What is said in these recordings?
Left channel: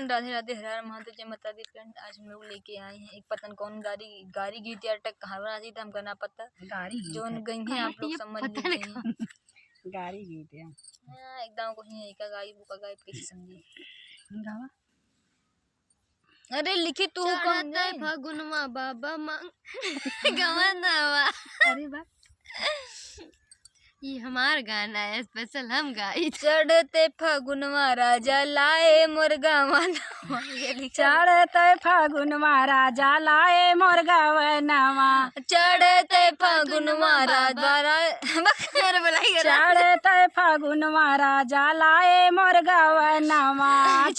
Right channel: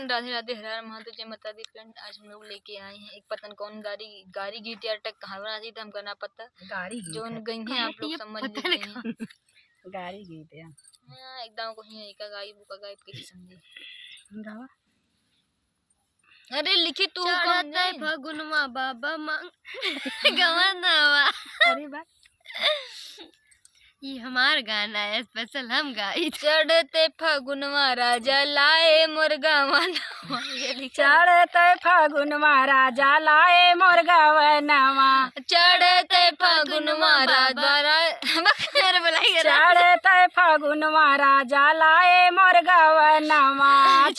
Friend, Radhe Radhe, हर हर महादेव, जय माता दी। Friend, आज हम लोग लेके आए हैं एक पतन कौन गाड़ी गीत या टक कहावत आती था हमका ना पता गाड़ी गीत जो गई हैं आप लोग समझ लीजिए हैं। गाड़ी गीत है एकदम को ही का गाई बुका गाई कैसे समझी गावा। अरे लिखी तू कौन है फगुनमा बाबा मांग गवनवा। अरे बा ये हमार गाना है, स्पेशल हम गाई। चढ़ते फगुनवा राजा लाए मोर गवनवा। चढ़ते फगुनवा राजा लाए मोर गवनवा। चढ़ते फगुनवा राजा चढ़ते फगुनवा राजा लाए मोर गवनवा।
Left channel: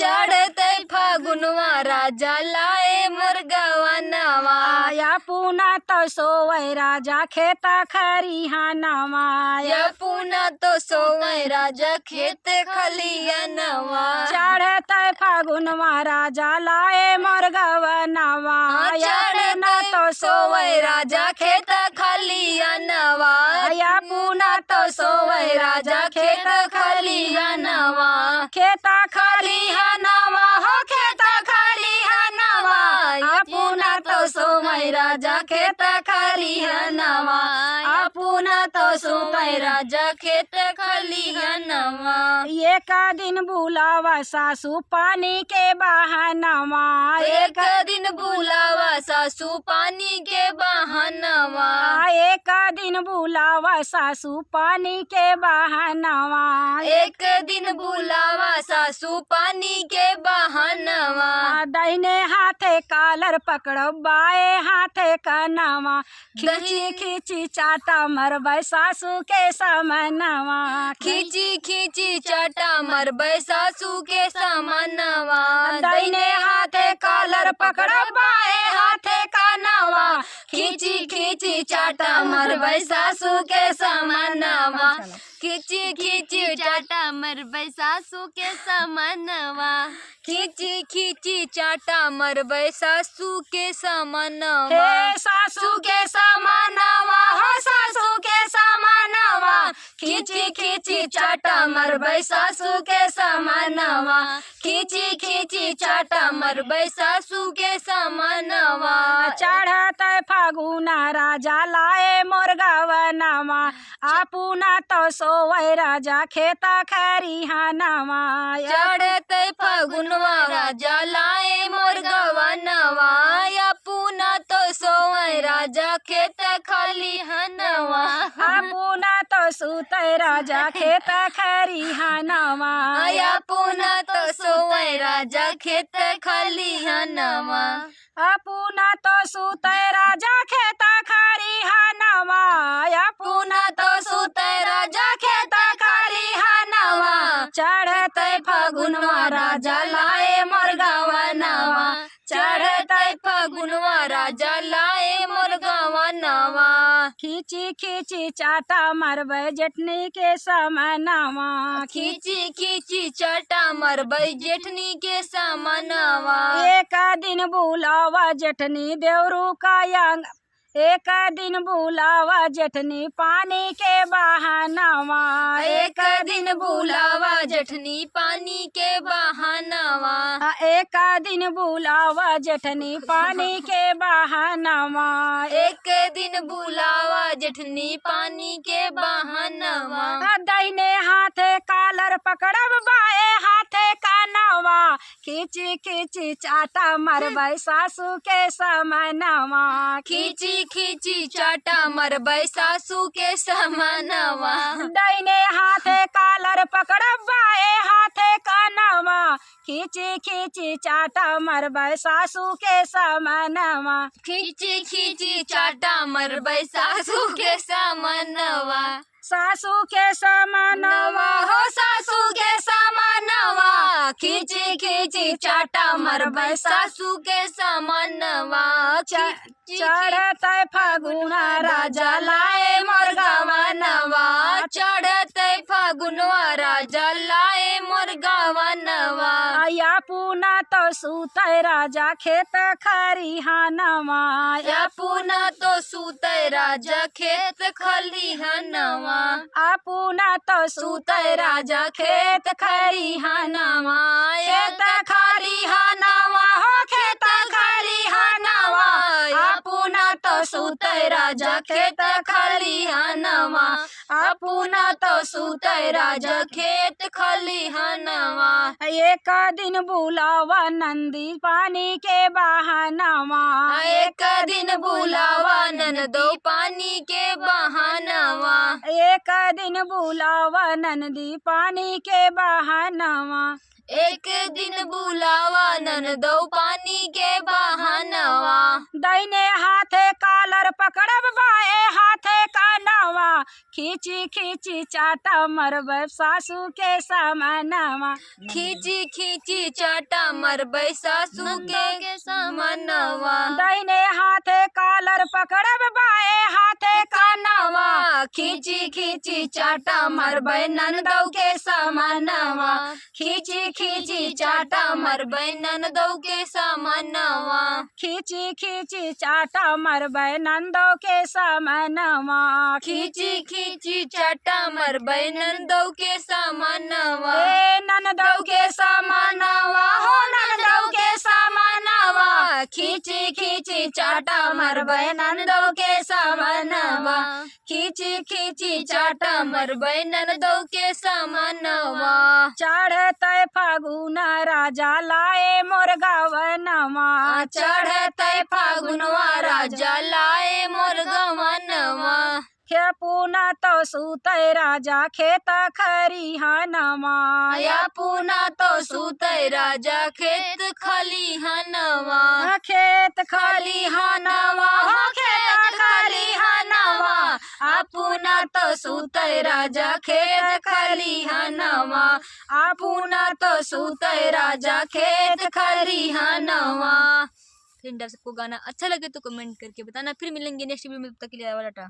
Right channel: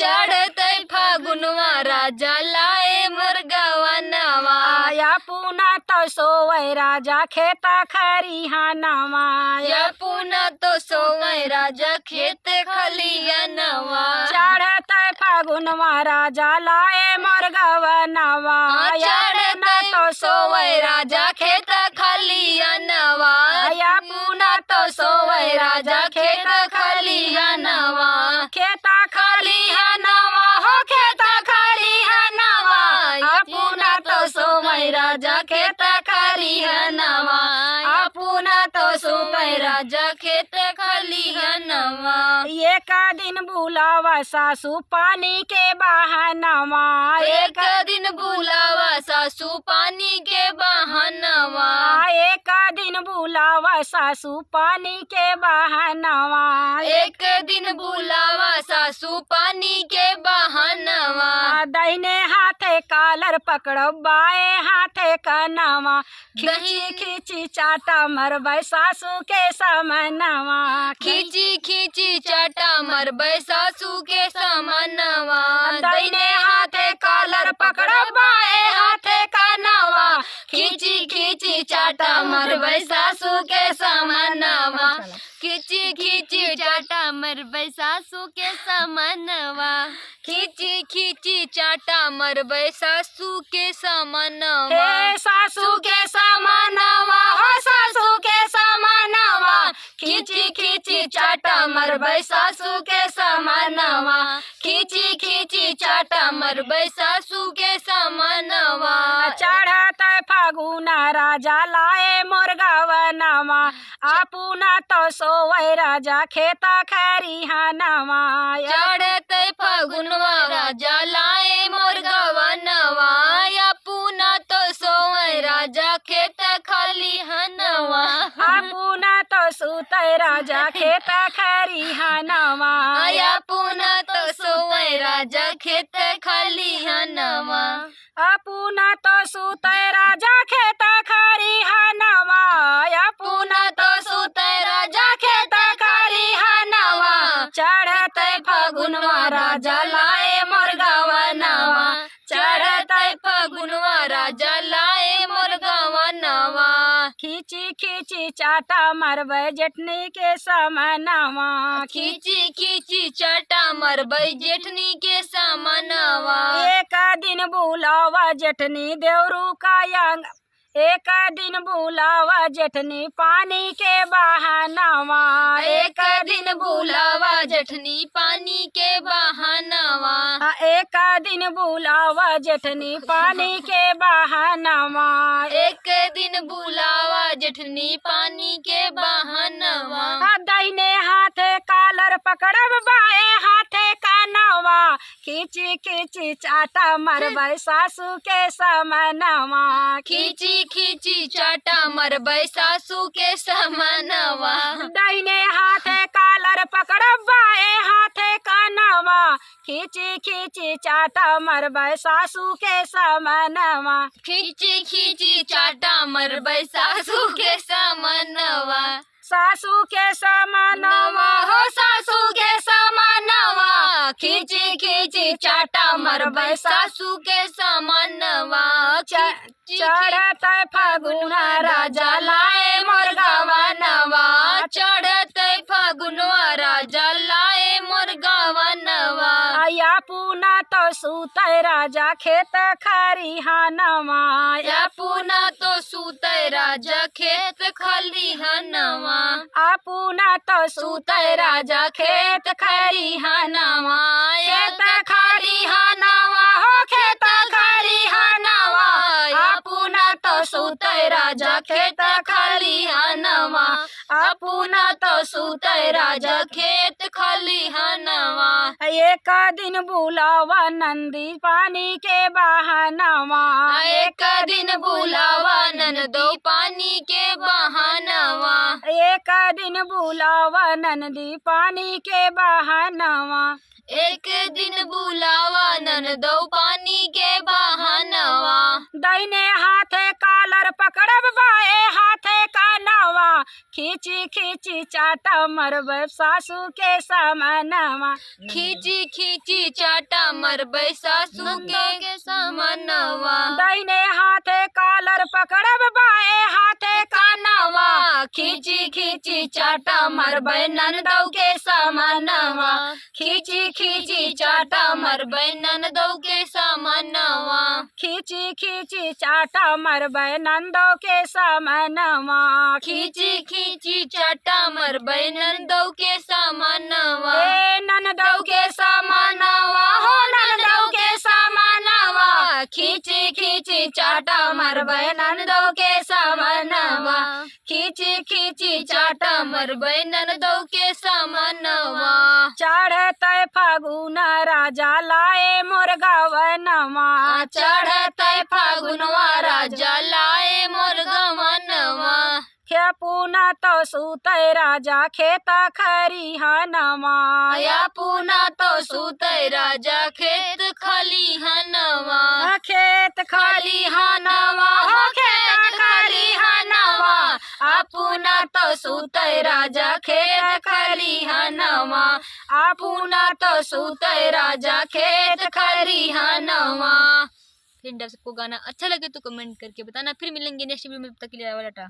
चढ़ते फगुनवा राजा लाए मोर गवनवा। या पुना तो सोवै राजा खेता खरिहानवा। या पुना तो सोवै राजा खेत खलिहानवा। चढ़ते फगुनवा राजा लाए मोर गवनवा। चढ़ते तो सोवै राजा खेत खलिहानवा। या पुना तो सोवै राजा खेत खलिहानवा। खेता खलिहानवा हो खेता खलिहानवा। या पुना तो सोवै राजा खेत खलिहानवा। या पुना तो सोवै राजा खेत खलिहानवा। एक दिन बुलावा सासू पानी के बहानवा। एक दिन बुलावा सासू पानी के बहानवा। एक दिन बुलावा सासू पानी के बहानवा। एक दिन बुलावा सासू पानी के बहानवा। दाहिने हाथे कालर पकड़ो बाए हाथे कनवा। खींची खींची चाटा मरबै सासू के समनवा। खींची खींची चाटा मरबै सासू के समनवा। दाहिने हाथे कालर पकड़ो बाए हाथे कनवा। खींची खींची चाटा मरबै सासू के समनवा। खींची खींची चाटा मरबै सासू के समनवा। खींची खींची चाटा मरबै सासू के समनवा। हे सासू के समनवा हो सासू के समनवा। खींची खींची चाटा मरबै सासू के समनवा। खींची खींची चाटा मरबै सासू के समनवा। चढ़ते फगुना राजा लाए मोर गवनवा। आपुना तो सोवै राजा खेता खरिहानवा। चढ़ते फगुनवा राजा लाए मोर गवनवा। या पुना तो सोवै राजा खेत खलिहानवा। आपुना तो सुतै राजा खेता खरिहानवा। या पुना तो सोवै राजा खेत खलिहानवा। आपुना तो सुतै राजा खेता खरिहानवा। पुना तो सुतै राजा खेत खलिहानवा। चढ़ते फगुनवा राजा लाए मोर गवनवा। चढ़ते फगुनवा राजा लाए मोर गवनवा। खींची खींची चाटा मरबै जेठनी के समनवा। खींची खींची चाटा मरबै जेठनी के समनवा। एक दिन बुलावा जेठनी देवरू का यंग। एक दिन बुलावा जेठनी पानी के बहानवा। एक दिन बुलावा जेठनी पानी के बहानवा। एक दिन बुलावा जेठनी पानी के बहानवा। एक दिन बुलावा जेठनी पानी के बहानवा। दाहिने हाथे कालर पकड़ब बाए हाथे कनवा। खींची खींची चाटा मरबै सासू के समनवा। खींची खींची चाटा मरबै सासू के समनवा। दाहिने हाथे कालर पकड़ब बाए हाथे कनवा। खींची खींची चाटा मरबै सासू के समनवा। खींची खींची चाटा मरबै सासू के समनवा। सासू के समनवा हो सासू के समनवा। खींची खींची चाटा मरबै सासू के समनवा। चढ़ते फगुना राजा लाए मोर गवनवा। चढ़ते फगुनवा राजा लाए मोर गवनवा। या पुना तो सुतै राजा खेत खरिहानवा। या पुना तो सुतै राजा खेत खलिहानवा। आपुना तो सुतै राजा खेत खलिहानवा। खेत खलिहानवा। सुतै राजा खेत खलिहानवा अपुना तो सुतै राजा खेत खलिहानवा एक दिन बुलावा नंदी पानी के बहानवा एक दिन बुलावा ननदो पानी के बहानवा एक दिन बुलावा नंदी पानी के बहानवा एक दिन बुलावा ननदो पानी के बहानवा दाहिने हाथे कालर पकड़ब बाए हाथे कानवा खींची खींची चाटा मरब सासू के समानवा खींची खींची चाटा मरबै सासू के समानवा दाहिने हाथे कालर पकड़ब बाए हाथे कानवा खींची खींची चाटा मरबै ननदौ के समानवा खींची खींची चाटा मरबै ननदौ के समानवा खींची खींची चाटा मरबै नंदो के समानवा खींची खींची चाटा मरबै ननदौ के समानवा ए ननदो के समानवा हो ननदौ के समानवा खींची खींची चाटा मरबै ननदौ के समानवा खींची खींची चाटा मरबै ननदौ के समानवा चढ़तै फागुन राजा लाए मोर गवनवा चढ़तै फागुनवा राजा लाए मोर गवनवा खेपुना तो सुतै राजा खेत खरिहानवा पुना तो सुतै राजा खेत खलिहानवा खेत खलिहानवा हो खेत खलिहानवा अपुना तो सुतै राजा खेत खलिहानवा अपुना तो सुतै राजा खेत खलिहानवा। फ्रेंड, आप सबको गाना अच्छा लगे तो कमेंट करके बताना। फिर मिलेंगे नेक्स्ट वीडियो में, तब तक के लिए टाटा।